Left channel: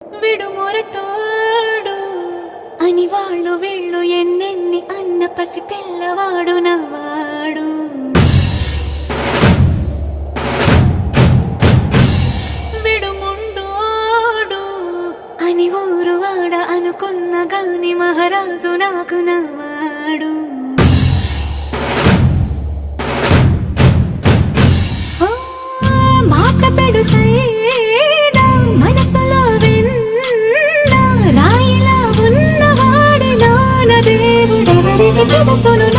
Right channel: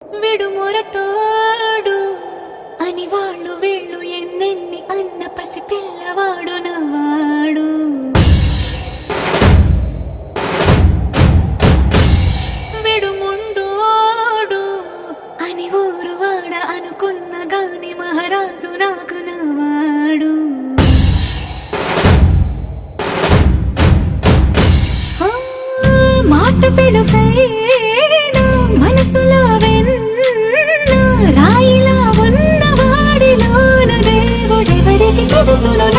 విడుమొరటోడు అని వాళ్ళు వీళ్ళు ఎన్నెన్ని అన్న పసి పిల్లవాడు నవ్వాడు. విడుముండోడు అని ఊరు వాడ అనుకున్న గాని మహారాజు నాకు నవ్వాడు. మాట పెడుసైనా మనసులో వెన్న రాయిలా ఉన్నవాడిలోన దేవుడెవరికి తెలుసును.